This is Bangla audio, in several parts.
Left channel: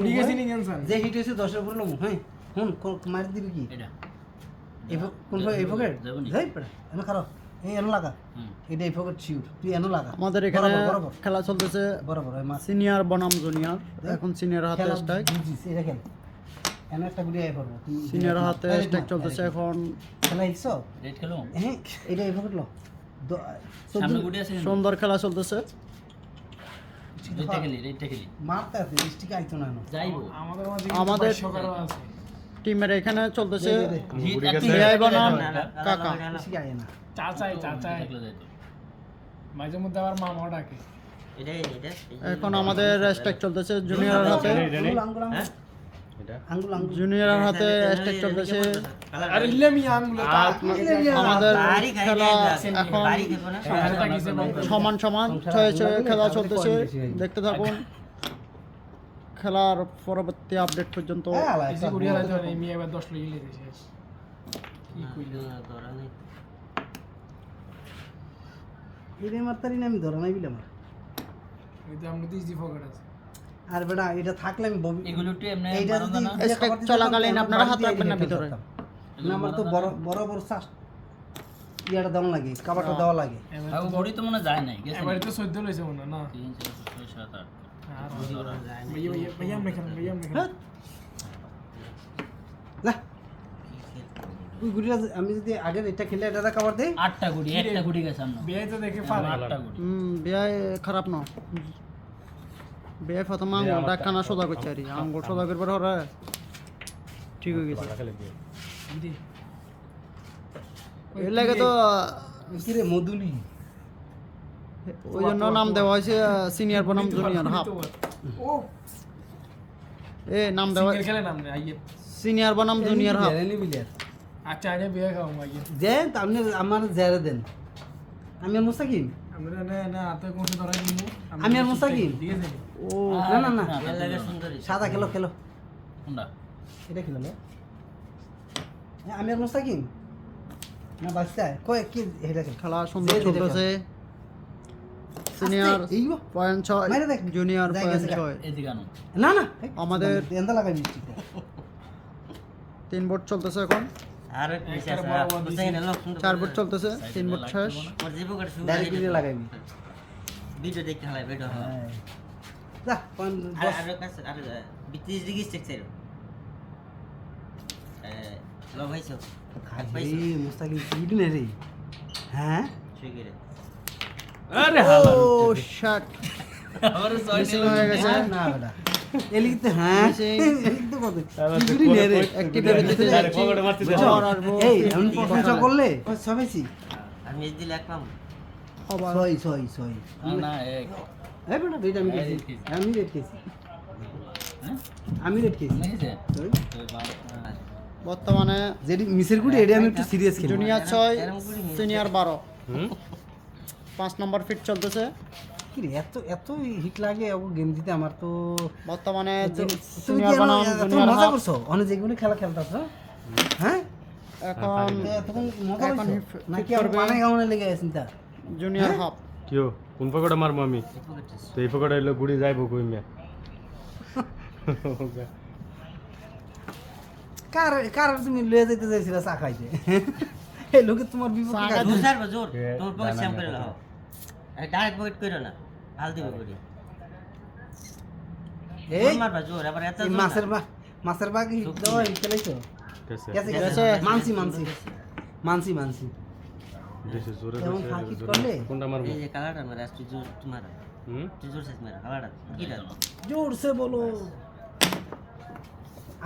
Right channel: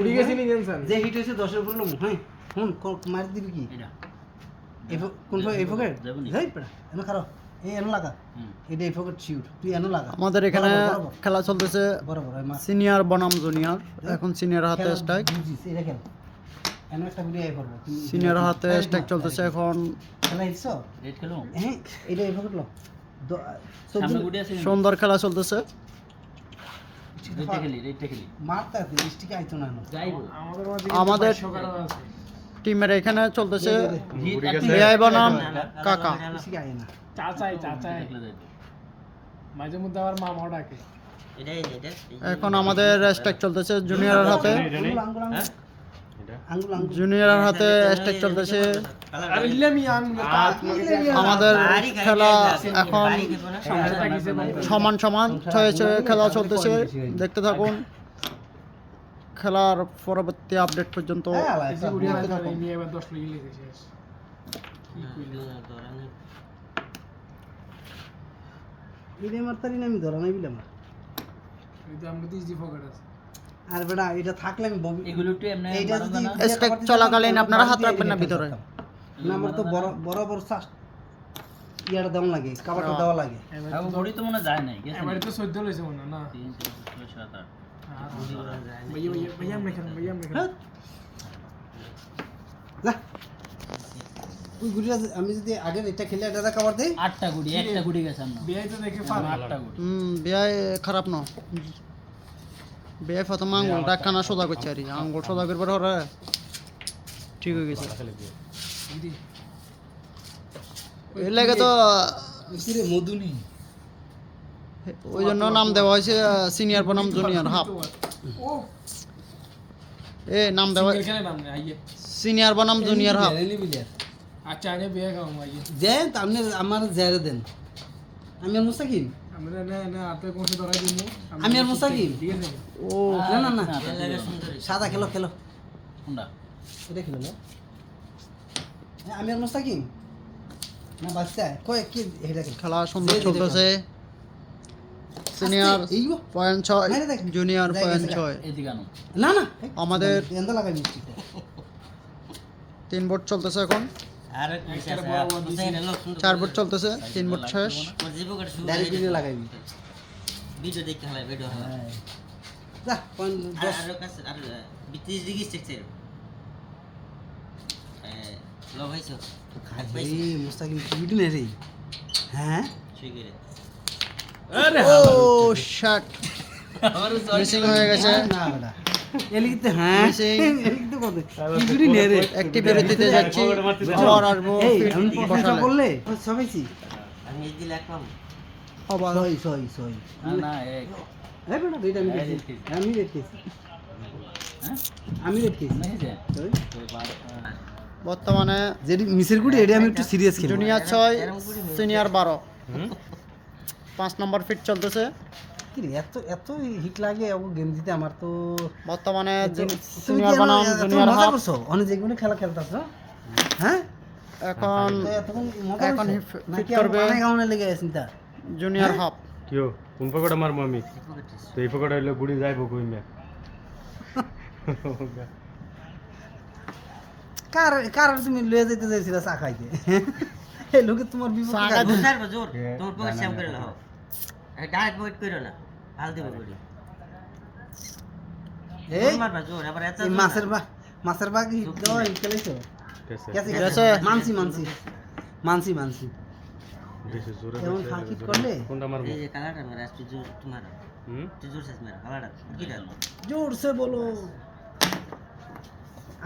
উড়ি গেছি নি গেনছেন যে হিট হয়েছে 10 এর উপরে লমু হ্যাঁ হুন মার দিবি কি এটা কোন এই ফকেট যাবনি। যাই পড়া এনে খারাপ এই এনে লাগা এটা এই ফকেট শিওর তুই এনে লাগা আমাদের এখানে বরাবর খেলা চলতেছে বরাবর ওই মাছ সিনিয়র বনাম জুনিয়র। এখন সিনিয়র হাতে স্ট্রাইক, বুঝিস এটা খেল এনে একটা গুড়ি আই করবো সিনিয়র হাতে স্ট্রাইক চলতেছে এখন। খেলা হিসো রেড খেলো হ্যাঁ এটা এই ফকেট লো সামনে গুডি আছে সুন্দর খেলা চলতেছে। রেডটা খেলি মারতে আছে স্টিক আইতো না যাইবো আমাদের মাঝে আমাদের সকারও আছে টিমের এখানে চলতেছে হিট বিআই বনাম কাকা। স্টিক আই না চাচাই দেখলে যাইতো মাঝে মধ্যে আবার মামাও ডাকে এখন আমাদের স্ট্রাইক চলতেছে জুনিয়রের হাতে। আঙ্গুল আঙ্গুল আঙ্গুল আঙ্গুল জুনিয়রের হাতে স্ট্রাইক চলতেছে। আরে ইলামি আঙ্গুল আমাদের খেলা এখন সমান সমান ছয়ে ছয়ে খেলা চলতেছে। দেখতে থাকুন খেলার পরবর্তী আপডেট পর্যন্ত। এসে উড়িয়ে ধরে আমি এবার 10 লেগে লেগেছে কি কইলি এটা মারতারি না আমি ধরা নাই বিলা মার ওই তো আমরা 30 দি ফকার আছে আর বেটা এটা থাকলে আমি এগুলো একটু এমনি এইটা যদি স্ট্রাইক চলাকালীন আপনারা হাত রাখবেন না ভিতরে। না আমার তো বড় বড় বড় শ্বাস ইয়াটা দেওয়া লাগে কাবারটা দেওয়া লাগে তাও বডি তো মনে যায় নাই গেছে এবারে তো 14 লইছে মনে না 3 4 7 8 ভাইয়া মেখান হ্যাঁ না তুই গুড়িয়া আমি যদি আগে এটা খেলে এটা কাবার দেই 8টা গুডি একটা গুডি গেছে আমরা বিয়ে তো দেখে পারো 8টা গুডি বিয়াই খারাপ ন বিয়াই প্রথম আঙ্গুলটা কানা সোজা করছে আর আঙ্গুল সোজা করবার ওরা ঠিক হয়ে গেছে। এর লাগে তো কিরে মধুলি ওই জন্য নাম দেওয়া হয়েছে সিনিয়র বনাম জুনিয়র হাফ। ও এ নাম দেওয়া খেলে নাম নেই আইয়ে সিনিয়র বনাম জুনিয়র হাফ। এনি বিলিয়ার আচ্ছা আগে বিয়ে খাও আইয়ে দেন আপনি আমার জেরে দেন আমি আর মুসাকিম আমরা না আপনি কোন ধরা দিন আমি আর মুসাকিম ঠিক আছে ও না না না এর লাগে সুন্দরী সাদা খেলো খেলো কোনটা এটা খেলো না আমি আর মুসাকিম না বাচ্চা কয় কি এটা খেলো খেলা সুন্দর চলতেছে। সিনিয়র এইগো পয়েন্ট মাইরে দেখ। 6 জুনিয়র যাই পয়েন্ট গেছে 6। এদিকে আনো না না আমাদের এন্দা লাগাই মিষ্টিটা 3 বোর্ড চলতেছে এখন। আর নিচে আছে হুসাইন লোক সুন্দর 4 বোর্ড চলতেছে 3 বোর্ড শেষ। ওর জীবন কাট শুরু ডাইরেক্ট ভিডিও লাগাইবি ভিডিও দেখতে হয় ভিডিও হয় হ্যাঁ যা কোন আর 10 আর 20 ডিগ্রি স্টেকচার লো ভাইছো হাত পাইছো এই মুস্তাকিম কি নে রে হ্যাঁ ঠিক রে ও শট মিসিং হয়ে গেছে। না বেটা এলিতে হ্যাঁ Missing। এলিতে কত কি নে রে একটি বের দিতে যাচ্ছি আর আসবো এই আমি প্রশংসা করলে সবাইছি আমি এই দিলে এক পাম আবার সই না না এই এই বেটা রেট আমি দেখছি আমি রেট খেয়েছি আমি রেট খেয়েছি নেছে সই। তো বাদ বর্তমানে যেটি মিসের গুড়ি এটা আমি একটু সিরিয়াস খেলি জুনিয়র 6 সিনিয়র 12 5 নম্বর ফিট চলতেছে। কি রে এত এত হিট লাগে ও গেম জিতে আমার তো বর্তমানে তুমি সিনিয়র কি বনাম এত জুনিয়র মজা হাফ। করছো অনেক যেগুলো খেলা খেলতাছ হ্যাঁ এখন তখন মজা এখন করছো fit নাকি করবে। মানে গাউনে লেগে আছে চিন্তা জুনিয়র হাফ। কিয় কোন পকেটে মারবো আমি তো এই পকেটে এলে গুড়ি যাইব কই না কার কার তুমি লয়ে যেতে চাইছিলা চা খাইতে এই লোকে তোমার বিপদ চা কাজ বুঝার জোর এ, তোমার পকেট না, শ্যাম না, করে না, নাও ডাইরেক্ট পকেট করো না হাল দিব করি এই মারবা জোর আবার এত এই মাছের বাকি দাও খেলাইছো কেসে গেছে। মানসি দেশে জোরে এমন ফাঁকি করলে কোনটা মারবো এই যে কালারটা মারা আজকে জোর তোমার হুম জোর সাইজ মারা কালারটা কিটা জোর সে বলো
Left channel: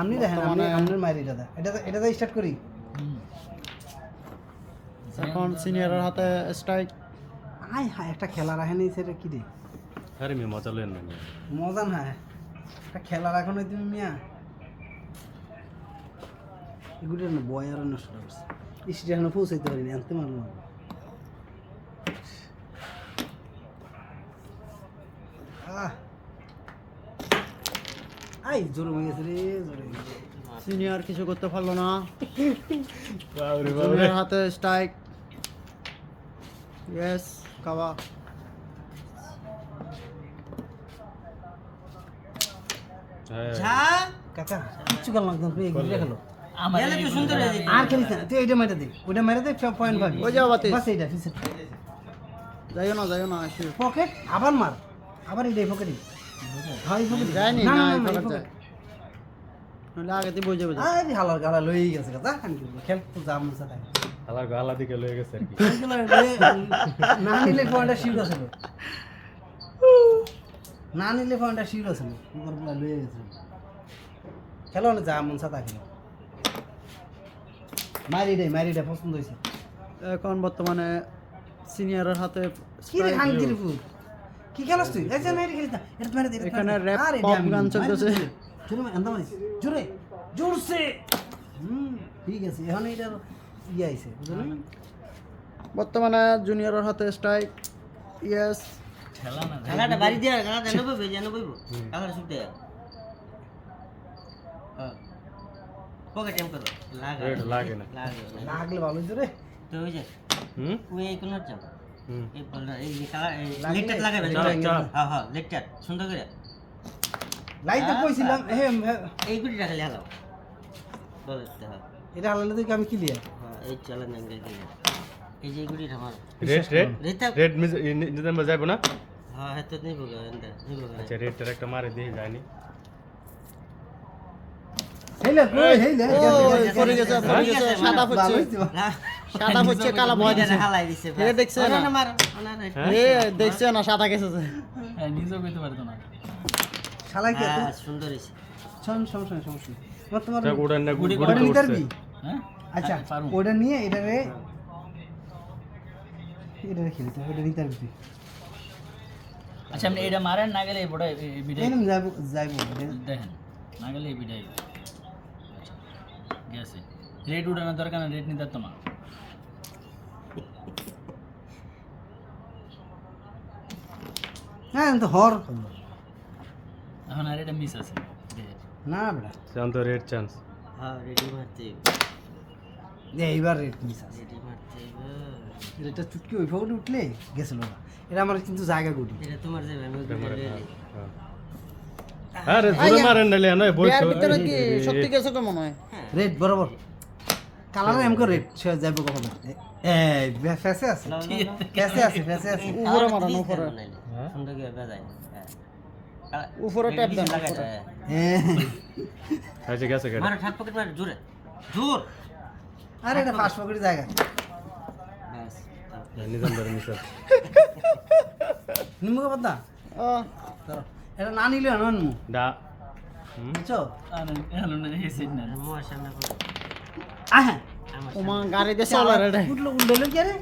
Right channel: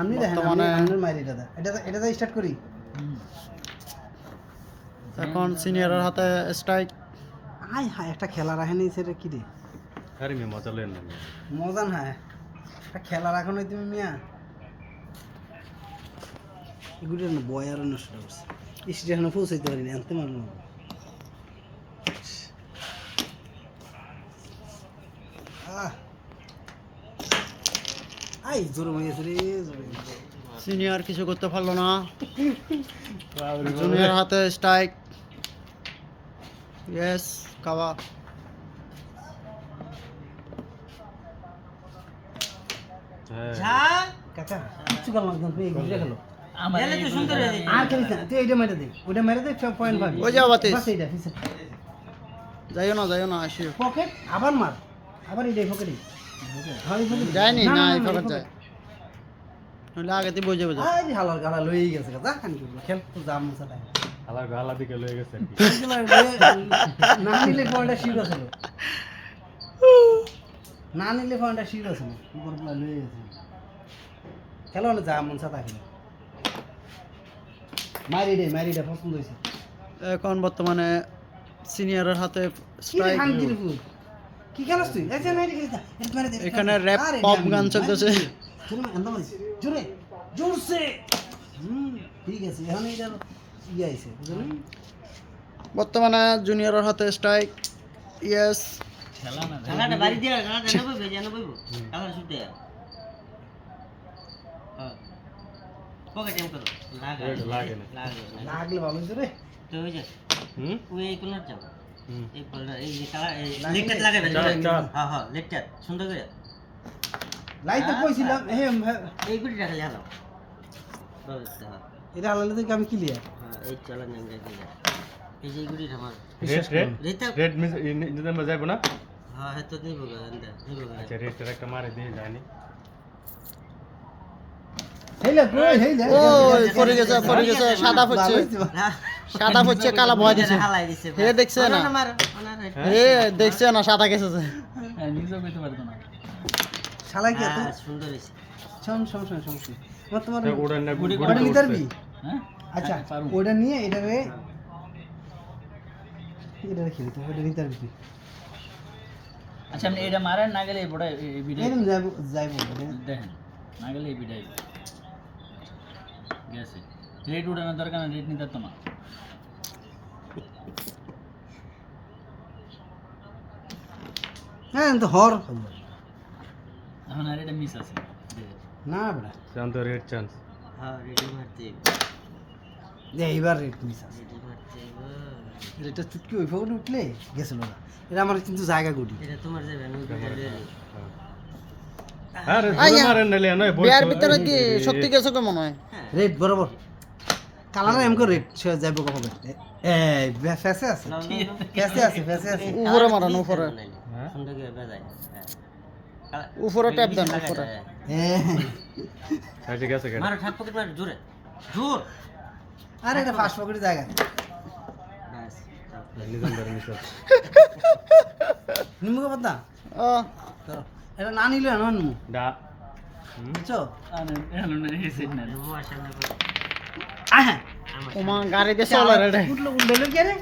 আপনি দেখেন আমি আপনার মাইরি দাদা এটা স্টার্ট করি এখন সিনিয়রের হাতে স্ট্রাইক। আই হ্যাঁ একটা খেলা রাখেনি সেটা কি রে আরে মে মজা লেন না মজা না একটা খেলা রাখো নাই তুমি মিয়া এগুলো না বয়ার নষ্ট করছে স্টেশনে এখনো পৌঁছাইতে পারিনি আনতে পারলাম না আই জোর হয়ে গেছে রে জোর সিনিয়র কিছু করতে পারলো না। জুনিয়র হাতে স্ট্রাইক। ইয়েস কাবা। হ্যাঁ যা কাকা কিচ্ছু গেল না তুমি এগুলি খেলো আমার এলে তো সুন্দর হয়ে যেত। আর খেলিস না তুই এইটা মেরে দে ওইটা মেরে দে 0.5 ওই যাও বাতিস। বাস এইটা ফিসে যাইও না আসিও পকেট আবার মার আবার এইটাই পকেটই হয় পকেট যায়নি না না না এই না পকেট পকেট যায় নইলে আগেতে বই যাবে আই দি হালার গালা লই গেছে কথা খান খেল তো জাম মুসা তাই আলা গালা দিকে লয়ে গেছে আর কি। না নিলে পয়েন্টটা শিউর আছিল না নিলে পয়েন্টটা শিউর আছিল উপর বলা লই গেছে খেলো না জাম মুসা তাই খেলো মারি দে পছন্দ হইছে এখন বর্তমানে সিনিয়রের হাতে কি রে strike খান hero। দিলপুর কি খেলাস তুই এই যে নাই খেলিস না এটা মেরে দে এখানে rap pop গান চলতেছে। জোরে মার আন্দা মারিস জোরে জোরসে ঠিক আছে এখন এটা ইয়ে আইছে বুঝলি বর্তমানে জুনিয়রের হাতে স্ট্রাইক ইয়েস খেলা না খেলাটা বাড়ি দিয়ে খেলাটা নেবো যেন বইবো খেলাটা শুট দেয়া হ্যাঁ পকেট এম করো লাগে রেড লাগে না। লাগে লাগলে ভালো হইছে রে তো ওই যে হুম ওই এই কোনার যাও হুম এই বলটা এই যে কালা এই লাগে লেকটার লাগাবে চাপ, চাপ। হ্যাঁ হ্যাঁ লেকটার সুন্দর করে লাইতে কইছিলাম হে এই গুটিটা খালি হালাও বলতে হ্যাঁ এটা হালালে তো আমি ক্লিয়ার হ্যাঁ এই চালান জানলে কি এই যে এই গুটিটা আমার রেড রেতা রেড নিজাম যাইবো না হ্যাঁ হ্যাঁ তো নিবো গা এন্ডা নিবো গা আচ্ছা রেডটার একটা মারে দিয়ে যায়নি হেইলে কই হেইলে ওই পড়ে গেছে সাদা হচ্ছে কালা ভয় দিছে হালাই দিছে হে দেখছে না না মার না হে দেখছে না সাদা গেছে হ্যাঁ, নিজেও পেতে পারতো না শালাই কি হ্যাঁ সুন্দর হইছে সমস্যা তোমার তো উড়ান না গুড়ি ওটা নিতে পারবি হ্যাঁ আচ্ছা পারবো। ওটা নিয়ে এটারে খেলি তো ওটা নিতে পারবি আচ্ছা আপনি এটা মারেন না গেলে বড় বিদায় এরম যাইবো দেখেন না গেলে বিদায় গেছে রেড উড়ানোর দরকার না রেড নিতে তো না হ্যাঁ তো হর এখন আর এটা মিস আছে না বেটা শান্ত রেড চান্স হ্যাঁ রেডি মারতে এইবার রেট মিস আছে রেডি মারতে এটা চুটকি ওই ফোনে উঠলে গেছিল না এটা আমার কিন্তু জায়গা গুটি এটা তোমার যাবে আমি আরে জোরে মারেন নালে না বই বিয়ার ভিতরে কি শক্তি গেছে তো মনে হয় রেড বরাবর কালার এম করে রেড সে যাইব কখন এই ফেসে আছে ফেসে আছে উপরে মারানো উপরে সুন্দর করে বাজায় হ্যাঁ উপরে ট্যাপ দেন উপরে হ্যাঁ আচ্ছা গেছে গেছে মারো ঠাপ পকেট মার জোরে জোর আরে এটা ফাস্ট পকেটের জায়গা বাস নিজাম ধরে নিছে নিমুখ পাতা ও এটা না নিলে না নিমু দা হুম বুঝছো মোয়ার সামনে করো আহা ওমা গাড়ি দিয়ে চলার এটা উঠলো কে রে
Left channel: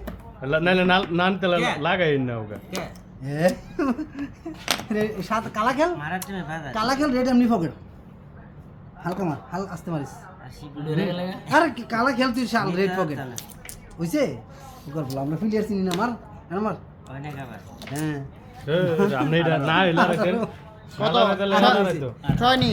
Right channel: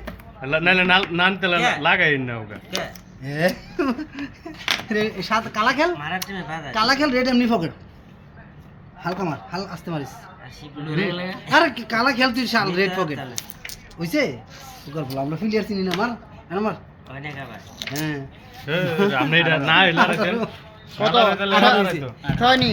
নালে নান তেলা লাগাই না ওগা কে সাত কালা খেল মারার টাইমে বাজায় কালা খেল রেড এমনি পকেট হালকা মার আস্তে মারিস আর শিবলু আরে কালা খেল তুই শাল রেড পকেট হইছে ওকর বল আমরা ফিলিয়ার চিনি না মার এনে মার অনেক আবার হ্যাঁ আপনি এটা না হইলা রাখেন কত ছয়নি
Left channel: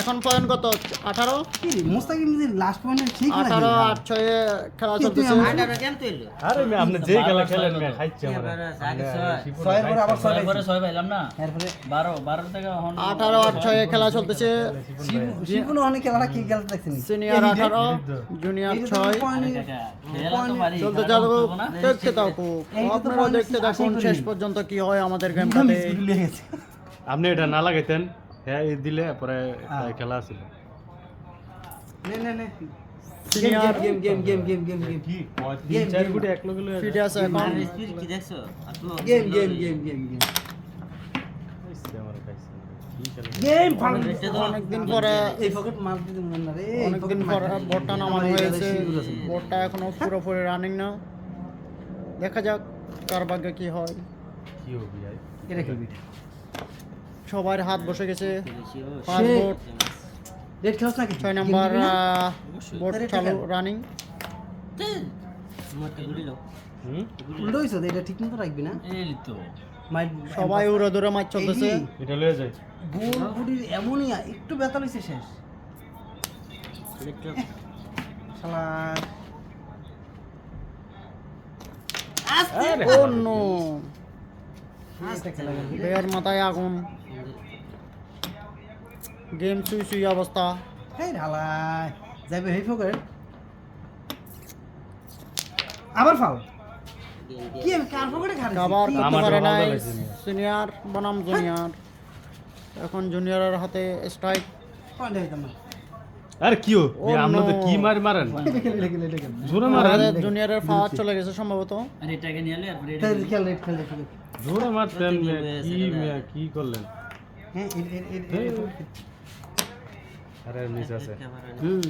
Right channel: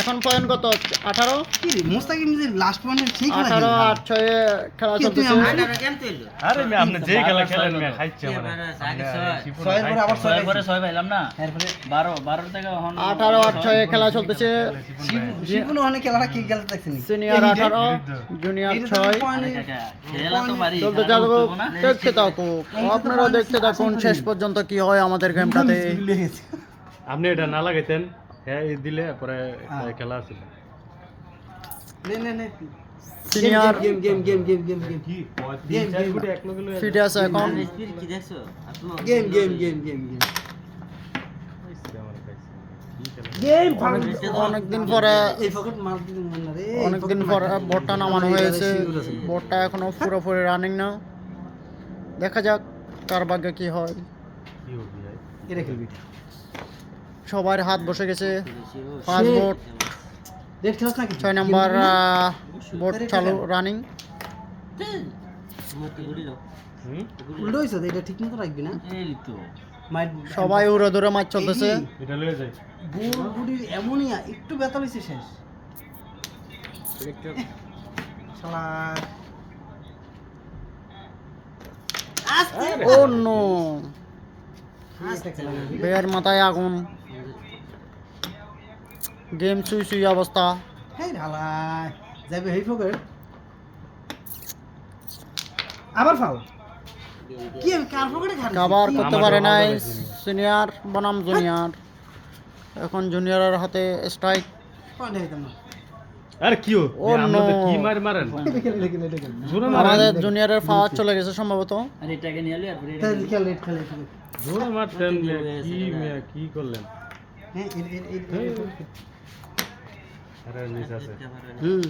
এখন পয়েন্ট কত 18 কি রে মোস্তাকিম যে লাস্ট পয়েন্টে ঠিক খেলা 18 খেলে 8 6 খেলা কি তুই চলতেছে আমার- আটারো কেম তুইলো আরে মে আপনি যে খেলা খেলেন মে খাইছে কে আমরা বারো, আগে ছয়। ছয়ের পরে আবার ছয় পরে 6 পাইলাম না এরপরে 12 থেকে এখন 18 8 6 খেলা চলতেছে শিবুন অনেক খেলাটা কি খেলতে দেখছিস সিনিয়র 18 জুনিয়র 6 খেলা তো পারি চলতে যাবো দেখতে থাকো আপনারা দেখতে থাকুন শেষ পর্যন্ত কি হয় আমাদের গেমটাতে আপনি এটা না লাগাইতেন হ্যাঁ এই দিলে পরে খেলা আছিল নে সিনিয়র গেম কি তিন চার ফুটে এক লগে লগে ফিটে আছে এখন স্পিড কি দেখছো আপনি গেম অনেকদিন পরে এই পকেট মার দিতে মন না রে অনেকদিন পরে বোটটা নামানো হয়েছে বোটটা এখনো পুরোপুরি রানিং না দেখা যাক কার ভাগ্যে কি হয় কি হবি ভাই এটা খেলবি সবার হাত বসে গেছে 5 বোট রেড খেলছ নাকি 6 নাম্বার বোট চালু রানিং তোমার কি গুড়ি লো হুম উল্টো হইছে এটা ঠিক মতো রাখবি না এই তো মাইট সবাই উড়ে দূরে মাছ চলতেছে এটা লয়ে যাই বুড় বুড়ি এমনই একটু ব্যথা লইছে শেষ শালা আস্তে ও নো আস্তে বেয়ার মাথায় আগুন গেম সুই সুই অবস্থা। হ্যাঁ ঢালাই যাবে হেই ফোকের আবার ফাল কি আমি কার ফোকেটে খাচ্ছি কাভার করতে আমার পারে তো নাই ভালো লাগছে। সিনিয়র বনাম জুনিয়র। এখন জুনিয়রের হাতে স্ট্রাইক। পয়েন্ট হইতাম না আরে কি ও ও আমরা তো no। কি মারেন এটা খেলে এটা খেলে এটা খেলে জোরে মারেন আমাদের জুনিয়রের পাওয়ার চলে গেছে সম্ভবত। আর এটাকে নিয়ে এলো এরপরে তাই খেলে রেড খেলে জোরে মারতেন কি করলেন হ্যাঁ আরে নিচে আছে হুম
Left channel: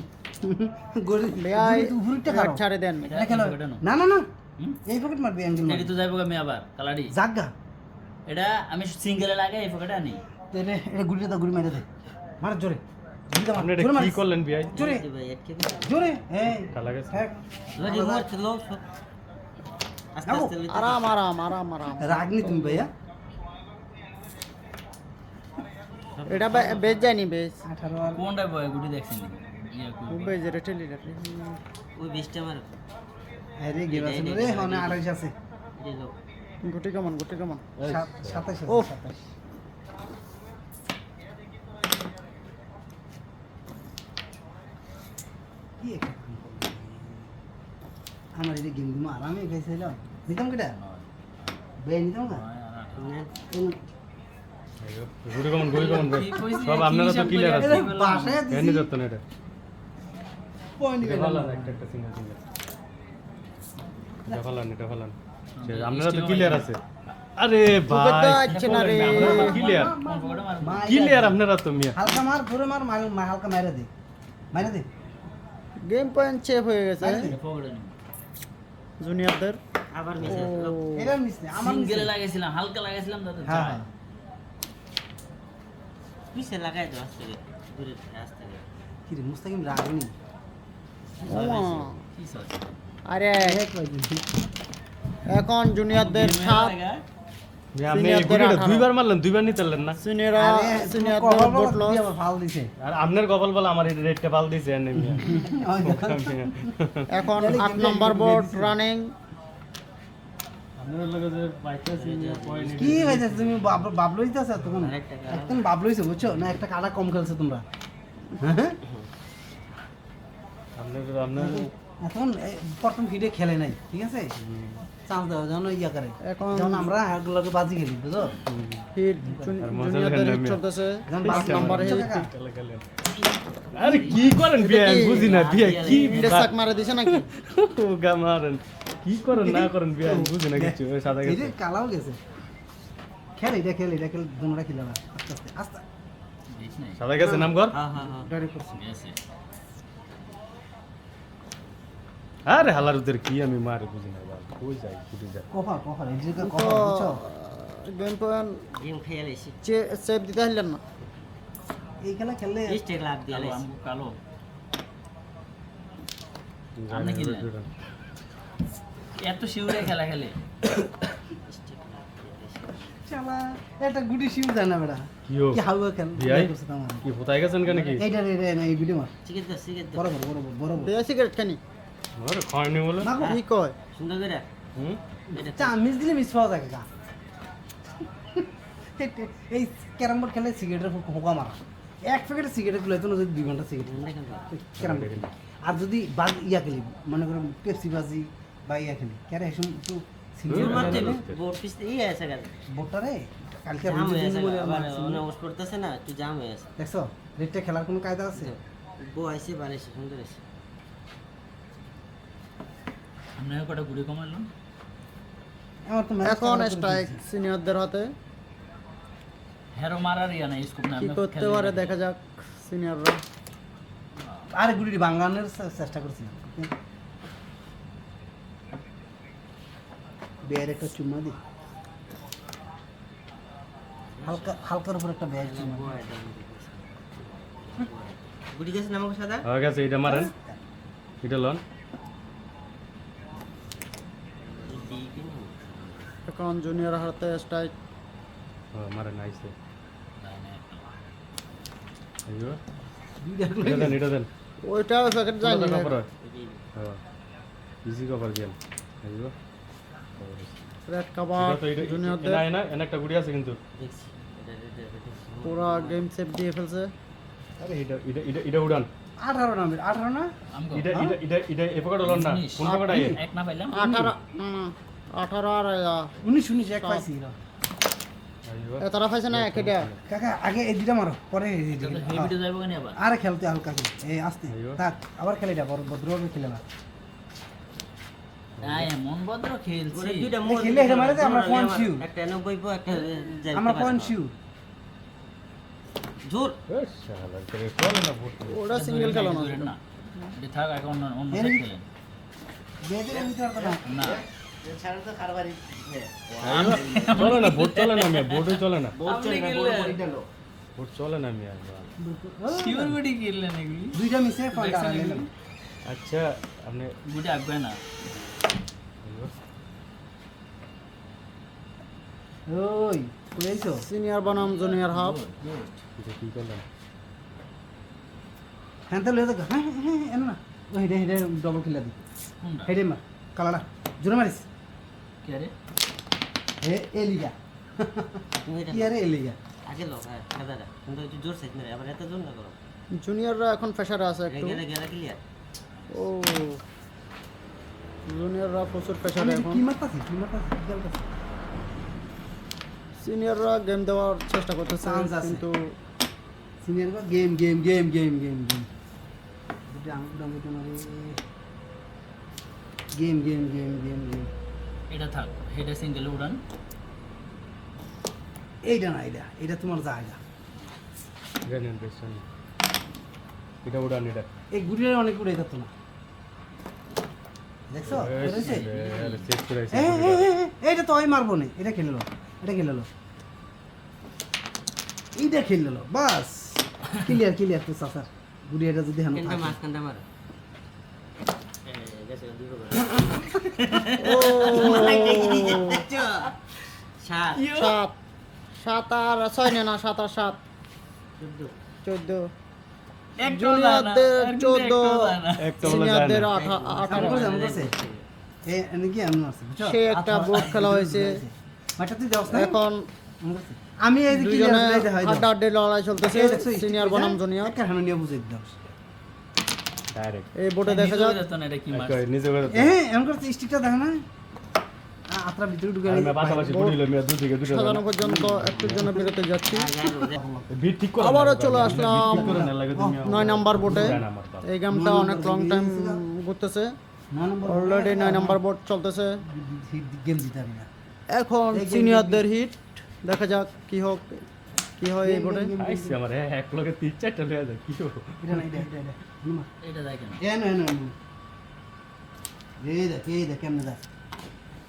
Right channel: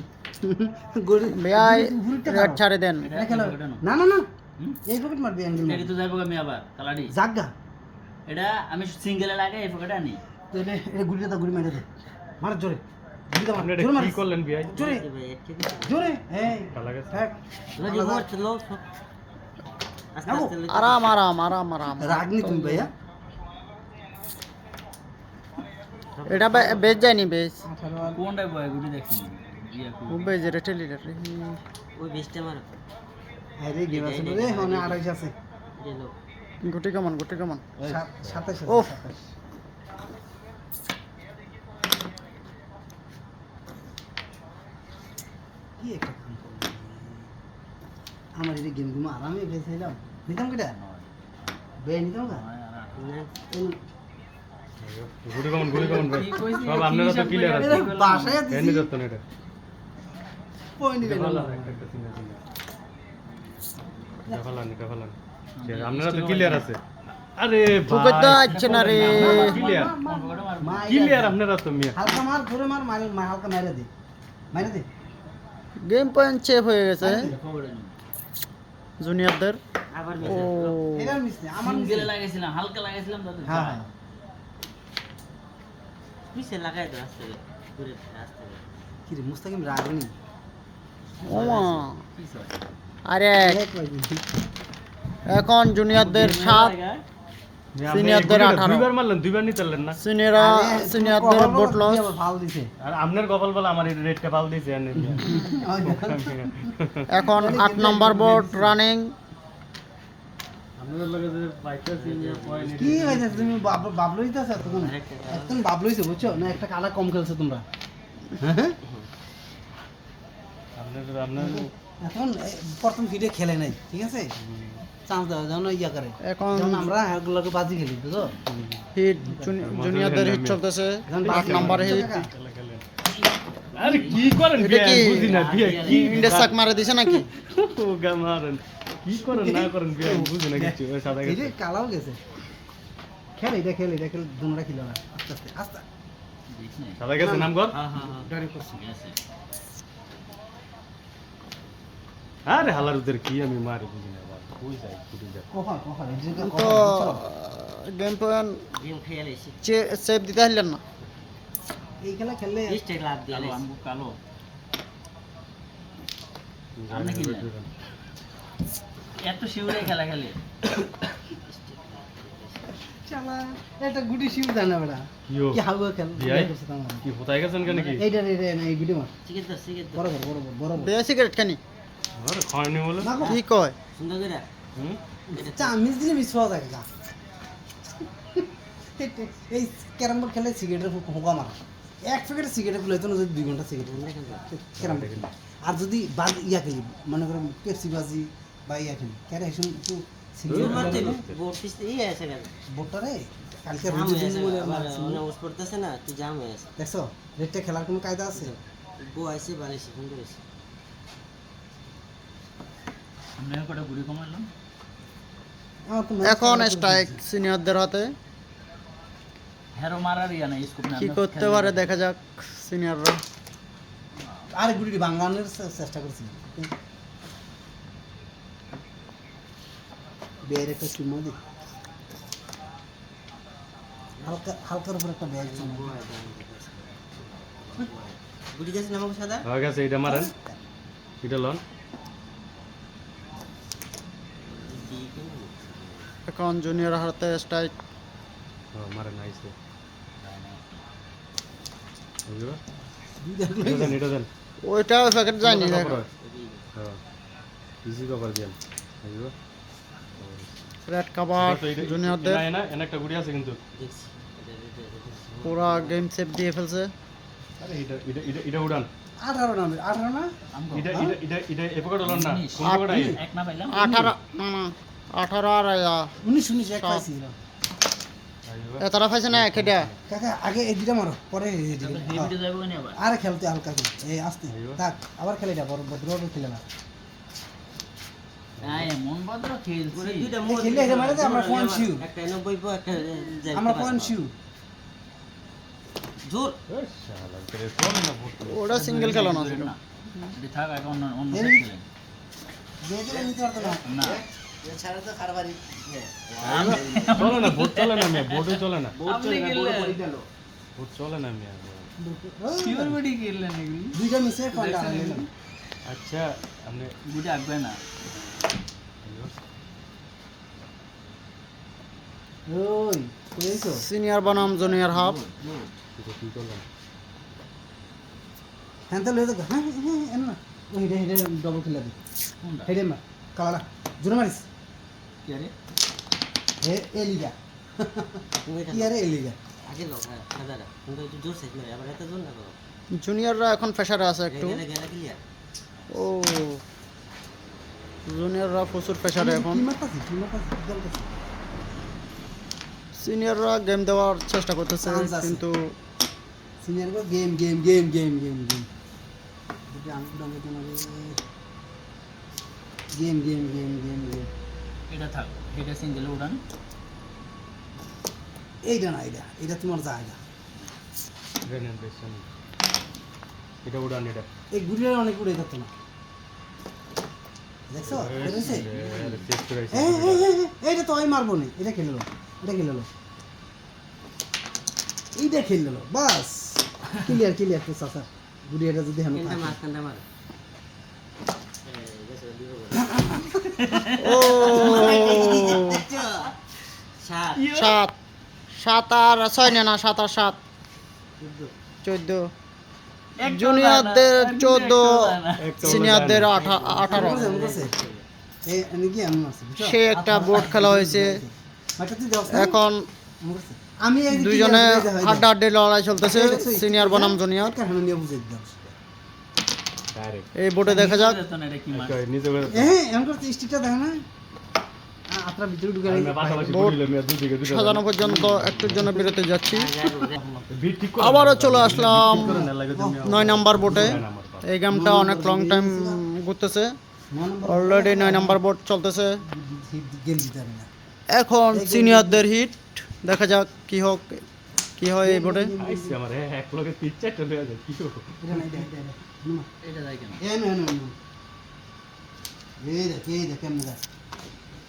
গোল ভাই উপরটা রেড ছাড়ে দেন। এটা খেলো না না না এই পকেট মারবে অ্যাঙ্গেল এটা মারবে তো যাইবো আমি আবার কালাডি জাগা এটা আমি সিঙ্গেলে লাগে এই পকেটে আনি এটা এটা গুলিটা গুলি মেরে দে মার জোরে গুলিটা মার আপনি এটা জোরে মার কি করলেন ভাই জোরে জোরে এই খেলা গেছে হ্যাঁ লজি মারতে লো আস্তে আস্তে লজি আরাম আরাম আরাম আরাম। রাগনি তুমি ভাইয়া এটা বেজ যায়নি বেজ। 18 আর কোনটাই বয় গুটি দেখছিনি ইয়া ও বেজ রে ঠেলি রে। ওই 20টা মার আরে গেম আছে রে হনে 28 আছে দিলো গুটি কেমন গুটি কেমন। 27 ওফ। কি একটা কাম করব আমার এই গেম গুলো আরামে খেলছিলাম নিতাম কিটা বে নিতাম না গুড়ি কেমন ভাই সব আপনারা তো ক্লিয়ার আছে বাসায় এনে দিছি যেত না এটা পয়েন্ট দিলে ভালো একটা সিঙ্গেল দেখালাম আপনারা তো ক্লিয়ার আছে আরে তোকে তো ভাই আচ্ছে না রে। ক্লিয়ার কোন পকেটে মার ক্লিয়ার আপনারা তো মিয়া হালকা মার ধরে মার হালকা মাইরে দে গেম পয়েন্ট চেপ হয়ে গেছে পকেটে নি জুনিয়রদের। আবার ও মিস এটা মিস না আমার মিস সিঙ্গেলে লাগাইছিলাম হালকা লাগাইছিলাম দাদা হ্যাঁ হ্যাঁ মিসে লাগাই দাও আস্তে দূরে আস্তে কি রে মুস্তাকিম রাগনি ওমা। কি সব আরে এক পাইছি এখন জুনিয়রদের 7 আপনি সিনিয়রদের 18 দুইবার মারলেন দুইবার নিতে পারলেন না সিনিয়রদের বোট লস। ফাল দিছে আর আপনার কপাল বলা আমার রেটটা পাল দিছে এনে মিয়া এখন 8 নম্বর বোট রানিং। আপনার লগে যে পাইতেছি পয়েন্ট কি হইছে তুমি বাবলু হইতাছ তখন আরেকটা কালার। একদম বাবলু হইছে বুঝছো না একটা কালার কম খেলছো তোমরা আপনার এখন প্রথম ফিডে খেলে নাই ঠিক আছে চান্স দাও যেন ইয়া করে এখন যখন আমরা এগুলোকে বাজি খেলি বুঝছো হিট জুনিয়রদের হিট চলতেছে। 8 নম্বর হিট। আরে কি করেন এটা বিয়া কি? বুঝি না বিয়া কি ইন্ডে সাক মারা দিছে নাকি? মারেন কি করেন না করেন বিয়া বুঝি না কিছু ওই সাদা এই গেছে যে কালাও গেছে এটা খেলে তোমরা খেলো না আস্তে আস্তে দেখ নাই সাদা গেছে নাম কর হ্যাঁ হ্যাঁ হ্যাঁ ডাইরেক্ট করছি গেছে আরে হালারুদের কি আমি মারি বুঝি না বাবা কই যাই কুটি যাই কফার এই যে তো কফার বুঝছো গেম পয়েন্ট গেম খেয়ে লাইছি সেভ দিতে পারলেন না। এই খেলা খেললে 20টা লাভ দিয়ে কালো লাইছি আমি কালো যাই আপনি কি না, নেন? এত শিউরে খেলা খেলে শালা এটা গুটি শিব জানা বড়া কি ও কি হাওয়া খেল বিয়াই? করছে তোমার কি ফুটাই গেছেন কেন কি এইটা না এই ভিডিও মার চিকেন তো বরাবর বে সিগারেট খানি ওরে খাওয়ানি হলো না গো কি কয়? সুন্দর করে হুম এটা চা মিস দিলে মিস পাওয়া যায় গা এই ক্যারাম বোর্ড খেলে সিগারেটের হোকা মারা এক প্যাকেট সিগারেট গুলো তো 2 ঘন্টা সিগারেট ক্যারাম বোর্ড আর যদি বাজ ইয়া খেলি মনে করেন পেপসি বাজি বা ইয়া খেলি ক্যারে এসব একটু সুন্দর মারতে সিগারেট বোর্ড পিস এই আছে গেল বোর্ডটা রে কালকে জাম হয়ে আছে বলে আবার মারছি। অন্য ওস পড়তেছে না তুই জাম হয়ে আছে দেখছো রেটটা খেলার কোনো কায়দা আছে বউ আইছে বালাইছে সুন্দর আছে আমি কটা ঘুরে কমালাম আমার তো match এখন খেলা করে স্ট্রাইক দিয়েছি। সিনিয়রদের হাতে। হেরো মারার ইয়া নাই স্কোপ না কি করতে পারে দেখা যাক সিনিয়ররা। আরে গুড়ি বাংলানোর চেষ্টা করছিলাম বের একটা চুমা দি হালকার উপর একটা ব্যাগ চুমা বউ আইছে গুড়ি গেছে নামক সাদা হয়ে গেছে এটা মারেন এটা লন এখন জুনিয়র হাতে স্ট্রাইক। মারেন আইছে আইও দেখলো এটা দেন ওইটা প্যাকেট যায়নি। ইজি কভার গেম আইও রেড কাভার জুনিয়রদের না একটা গুড়ি আছে কিন্তু দেখছি এটা দেখছি পুরা গেম সেভ দিয়ে ফেলছে। আরে এটা উড়ান 18 না 18 না আমগো এটা এ পকেট হলো না কোন পকেট আই এক না পাইলাম 18 না 18 আর 19 এক পাইছি না এতটা পাইছে না কেটে কাকা আগে এই দুইটা মারো পরে এই দুইটা হেভিটা যাবো কেন আবার আরে খেলতে হালকা খেল এই আস্তে থাক আবার খেলে এটা ভদ্রভাবে খেলে না এমন ভদ্র খেলছি দুইটা এই খেলে এটা মারে যে আমরা পয়েন্ট শিউ একটা 90 পো একটা আমরা পয়েন্ট শিউ জোর এ শালা করে চলে না ভূত। ওটা সিঙ্গেল খেলো না না এটা থাক এখন অন্য এই- খেলেন যেটা নিতে পারতো না না ছাড়া তো কারবারি চলে না ভোট চলে না মিয়া ভোটও চলে না আপনি খেললেন ভোট চলে না মিয়া সিউরিটি খেললেন এগুলি দুইটা মিশে পয়েন্ট আনলেন আচ্ছা আপনি দুইটা আসবে না ওই কইছো সিনিয়র বনাম জুনিয়র হাফ এটা কি করলেন হ্যাঁ তো লয়ে তো হ্যাঁ হ্যাঁ এন না ওই হেডে হেডে ডবল খেলা দি কোনটা হেডে মার কালাড়া জোরে মারিস কি আরে হে এলিগা তুমি এটা কি আরে এলিগা আগে লো হ্যাঁ দাদা কিন্তু একটু জোর সাইজ মেরে আবার এত জোর না করো জুনিয়ররা এখন প্রেসারে আছে একটু গেলে গেলে ক্লিয়ার ও জুনিয়ররা প্রচুর প্রেসারে এখন কি মারতাছি কি দলতাছি সিনিয়ররা গেম দেওয়ার চেষ্টা করতেছে Chance আছে। কিন্তু সিনিয়র গো game game game game game game এটা আমি পুরো তোমার game game game game game এটা থাক এটা সিঙ্গেল উড়ান এইটা না এটা তোমার জায়গা গ্রেনেড বেশন এটা উড়ান এটা এই গুড়িয়ে অনেক উড়ে যেত না দেখছো করেছে চেক করে এইটা তো আমি মারবো না এটা খেলে লো এইটা খেলে লো বাস ক্লিয়ার তো চাচা গুড়িয়াটা যদি হানো কিন্তু থাকে মাঝখানটা মারো গেছে দিব ও সাত 7 7 আর 6 না 7 আর 7 14 জুনিয়রদের 14 সিনিয়রদের 18 করছে এই নাকি আমি মারছি বুঝছো সে একটা বোর্ড খেলা হয়েছে মাটা তুই দাও না এখন আমি এই দুজনে হাড্ডাহাড্ডি লড়াই চলতেছে সিনিয়র বনাম জুনিয়র কারণ নিয়ে বুঝাই দাও ডাইরেক্ট এই বোর্ডে দেখা যাক এটা কি মার নিজে করে এমন করতে স্টিকটা দেখে না আপনার ভিতরে ঢুকে আমি পাশাপাশি গুলি মিয়া দুই দিকে দুটো সাজানো পর্যন্ত একটুর জন্য বিরতি যাচ্ছি বিট ঠিক করে আবারও চলে আসলাম করে না লাগে তুমি 9 নাম্বার বোর্ডে আমার পাশে এই গেমটা অনেক লং টাইম ঘুরতেছে না নম্বর অলরেডি 9 নাম্বার বোর্ড চলতেছে গেম জিতে আমি না এখন সিনিয়রদের হিট দেখা যাক কি হয় এই বোর্ডে আইছি আমার এক লগে তিন চারটা লয়ে যায় কি হবে এটা না এটা নুমা এটা দেখে না এ না এই দেখ কেমনে দেখ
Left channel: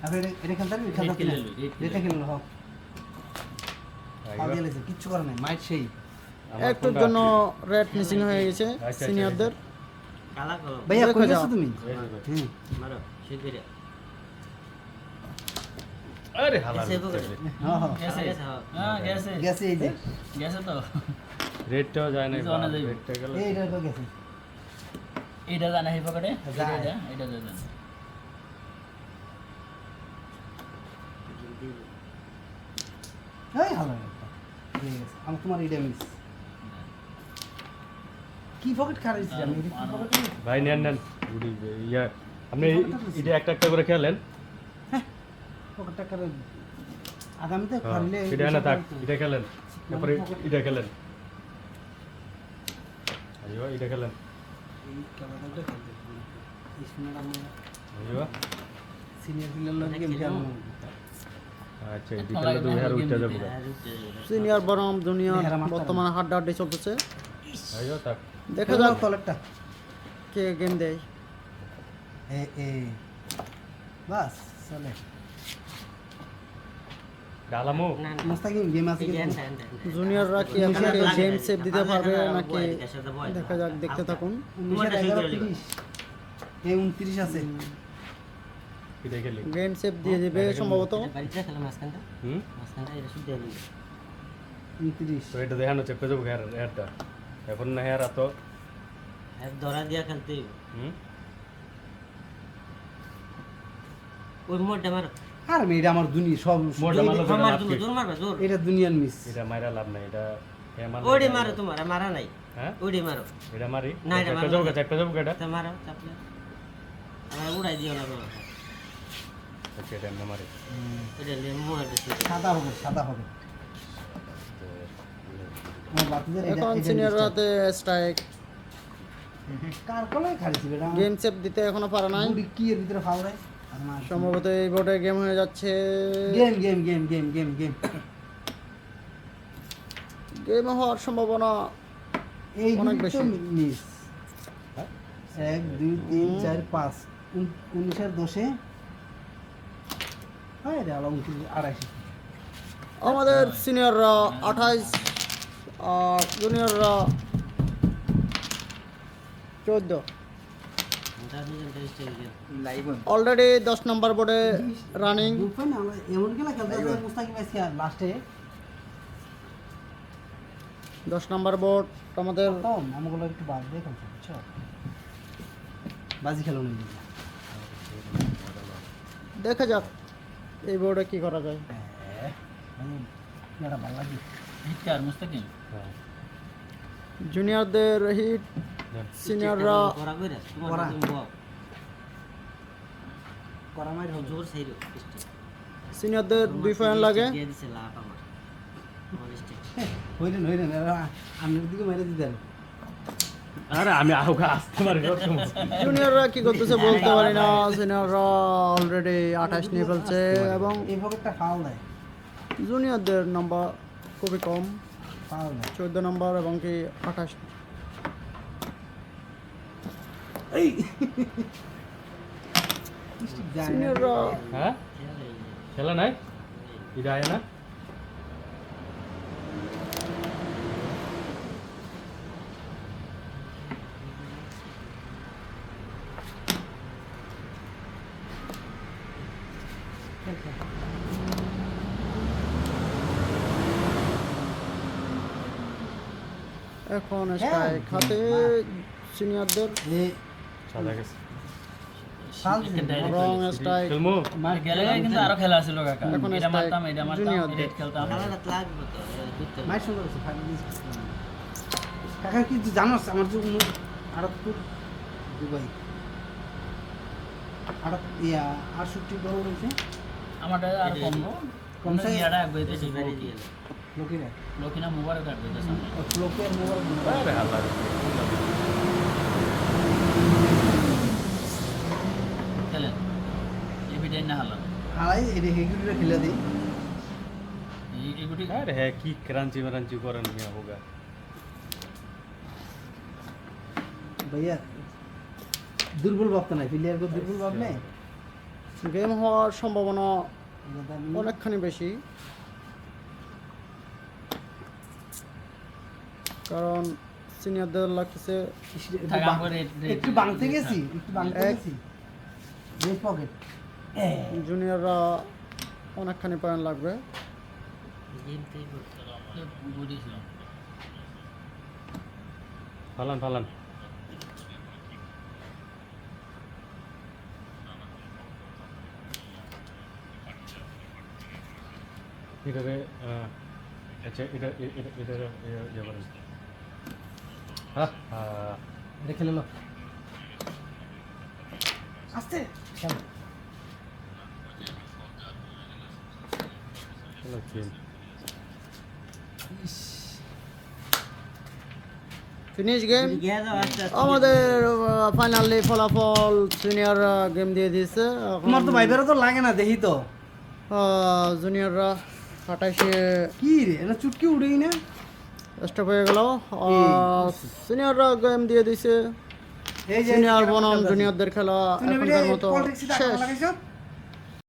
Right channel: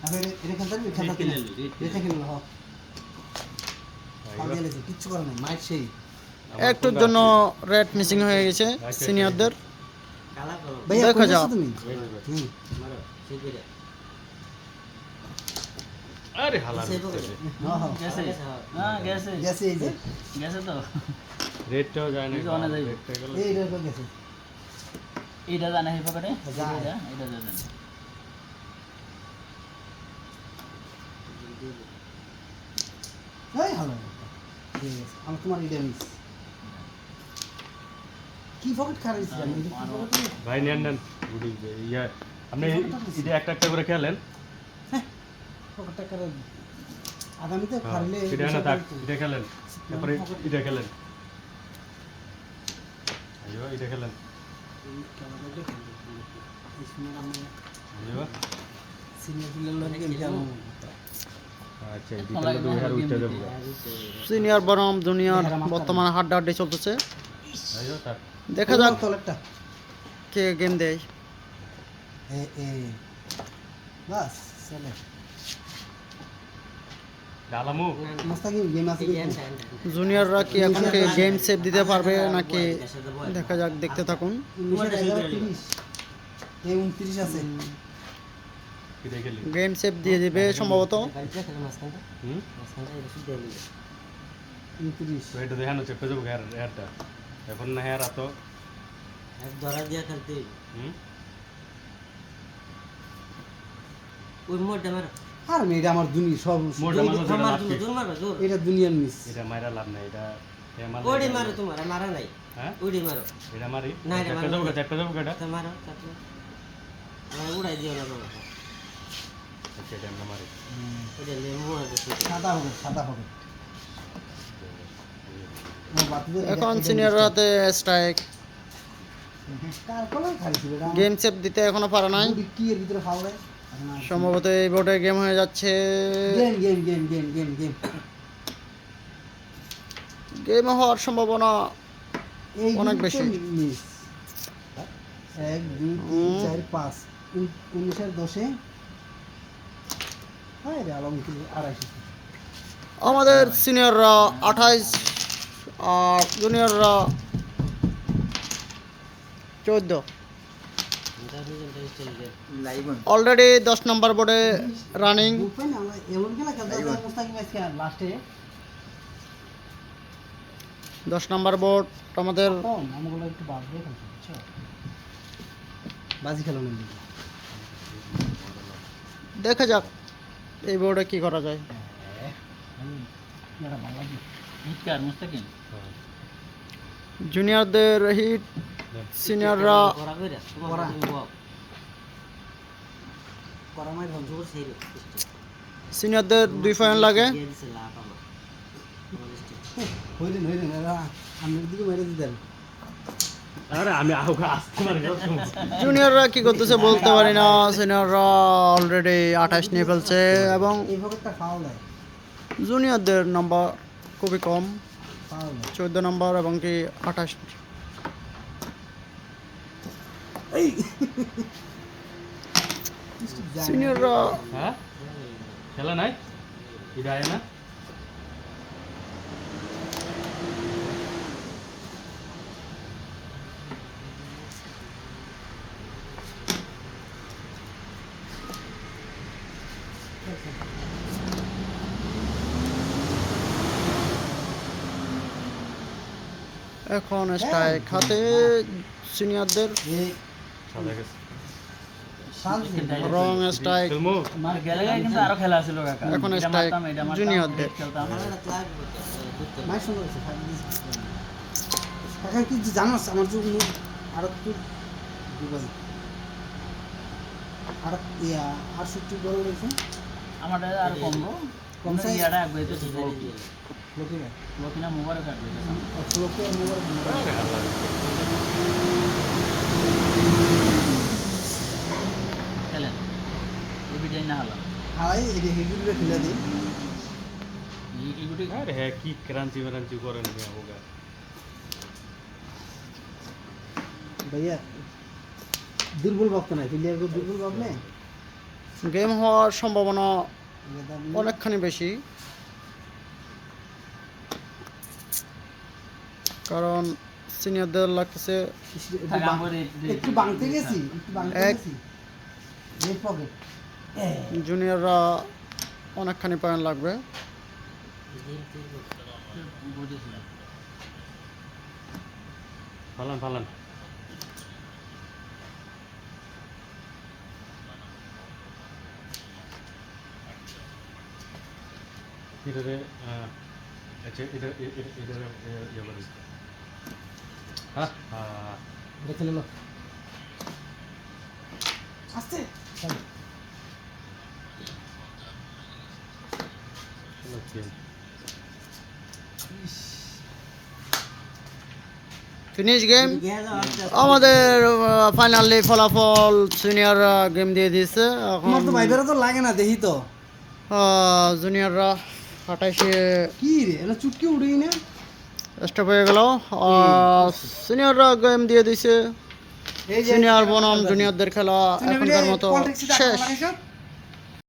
আবার এটা খেলতে না এটা খেললো হোক কাল দিয়েছে কিচ্ছু করে নাই মাইট সেই একটুর জন্য রেড মিসিং হয়ে গেছে সিনিয়রদের কালা করো ভাইয়া দেখো কই যাও। যাও তুমি হুম মারো শিগগিরই আরে হালা এসে পকড়ে হ্যাঁ হ্যাঁ গেছে গেছে, হ্যাঁ। হ্যাঁ গেছে গেছে এই যে গেছে তো রেটটাও যায় না কিন্তু অনা যায়। রেটটা গেল এইটা তো গেছে এটা জানা হে পকেটে যায়। এটা জানা এই ভালো ঠিক আছে আমি তোমার এইটা মিস কি পকেট খারাইছি আমি এটা কি পকেট ভাই নেন গুলি ইয়া আপনি এটা একটা করে খেলেন পকেটটা করে আগামীতে হ্যাঁ, খাইলে এটা না থাক এটা খেলেন তারপরে এটা খেলেন আইও এটা খেলেন আইও সিনিয়র প্লেয়ার লোক গেম খেলে আচ্ছা এই বিকেলে তো হার উঠতে যাবো সিনিয়র বনাম জুনিয়র বর্তমানে হাড্ডাহাড্ডি চলতেছে আইও থাক দেখা যাক তো একটা কে গেম দেয় এ বাস চলে ডালামু না না মাস্তাকি গেম আছে এই কিন্তু এন্ড জুনিয়ররা কি এখন গেম সেভ দিতে পারবে নাকি দেখা যাক দেখতে থাকুন 29 আছে কি দেখলি গেম সেভ দিয়ে দিবে সম্ভবত বাড়িতে খেলা মাঝখানটা হুম মাঝখানটা এটা শুদ্ধ হয়ে গেছে 29 তো এটা দেখানো চেক করে যাবো হেয়ারটা এখন না হেয়ার আতো আর ধরা দিয়া খেলতে হইব। হুম ওই মোড়টা মারো আর আমি এটা আমার দুনিয়া সব মোড়টা মারো। মার তুমি জোর মারবা জোর এটা দুনিয়ার মিস এটা মাইরা লাভ নাই এটা হে মার ওডি মারো তোমার মারা নাই হ্যাঁ ওডি মারো এটা মারি না, এটা মারো না। চাপটা যাবো কেটা তা মারো চাপলে আমার উড়াই দিও না বাবা ওকে এটা না মারি এটা লেমু আর কিছু সাদা হবে ও বাতিদের এখন সিনিয়র হাতে স্ট্রাইক কার কলাই খাইছি বেটা গেম সেভ দিতে এখনো পারে নাই বুড়ি কি এর ভিতরে ফাল দেয় সম্ভবত এই বোর্ডে গেম হয়ে যাচ্ছে game game game game game game game হওয়ার সম্ভাবনা এই অনেক অনেক বেশি। বেশি মিস 1 2 3 4 5 19 10 হায় রে আলম কি 250 আমাদের সিনিয়ররা 28 আর জুনিয়ররা 14 অলরেডি 10 নম্বর বোর্ডে রানিং দুপাই না আমরা এমন খেলা খেলতে হবে মুস্তাকিম আজকে লাস্টে 10 নম্বর বোর্ড আমাদের কম আমগুলো একটু বাদ দিয়ে খেলতে বুঝছো বাজি খেলো না দেখা যাক এই বোর্ডে কি করা যায় এটা ভালো লাগে হিটকার মুস্তাকিম জুনিয়রদের হিট সিনিয়ররা করা কইরা তোমার করা। তুমি বাও করা মাই হবে জোর সেই রে সিনিয়রদের 2 পয়েন্ট লাগে দিয়ে দিছে লাভ আমার হইলেন হইলেন আমরা দিকে মেরে দিতেন আরে আমি আউকা আসতে মারি জুনিয়ররা কি করতেছে বলতে পারি না সিনিয়ররা অলরেডি 28 নিয়ে ফেলছে এবং এই পকেটটা ফাউল দেয় জুনিয়রদের নাম্বার খুবই কম ফাউল দেয় 14 নম্বর এবং কি 28 সিনিয়ররা হ্যাঁ খেলা নাই এটা আয় না এখন স্ট্রাইক হাতে সিনিয়রদের এই সাদা গেছে ফাউল রং স্ট্রাইক ফিল্মু গেলে কিন্তু আরো খেলা ছিল কাকা এখন এটা strike মারতাম এটা মারতাম জুনিয়রদের। এটা খেলতাম খেলাটা লাগবে তো করতে মাই সুন্দর আছে কাকা কি জানোস আমার যে আর তো দুবাই আর ইয়া 68 বড় রয়েছে আমারটা আর কম গো কম সাই এটা একবার দিতে ডিভাইডে দিয়ে লোকেরা লোকিনা মোবাইল কাটবে এটা সামনে। লোকের মোবাইল আরে আল্লাহ খেলেন এভিডেন্ট না হলো হাই এই হেভিগুলো ফেলে দেই এইগুটি আরে হ্যাঁ কি ক্রাঞ্চি মারাঞ্চি করেন কি আউকা ভাইয়া দুর্বল ভাবতো না প্লেয়ারকে দুর্বল ভাবলে গেম হওয়ার সম্ভাবনা অনেকখানি বেশি কারণ সিনিয়রদের লাগতেছে একটু বাংতে গেছি একটু বাংতে এক- গেছি রেড পকেট জুনিয়ররা অনেকখানি পয়েন্ট লাগবে ফালান ফালান এটারে আচ্ছা এটারে হ্যাঁ এটা খেলে লো আস্তে চলো ওকে ফিনিশ গেম গিয়ে দাও আস্তে আস্তে আমাদের ফাইনালি ফলাফল সিনিয়র গেম দিয়ে দিয়েছে তোমার তো ভাইবেরও তো লাগে না দেখি তো জুনিয়ররা 28 কি রে এটা চুটকি উড়েই না স্টপ হয়ে গেল সিনিয়ররা গেম দিয়ে দিয়েছে এই যে সিনিয়র বনাম জুনিয়রদের খেলা তুমি এখনকার মতো পলিটিক্সে শেষ লাগাইছো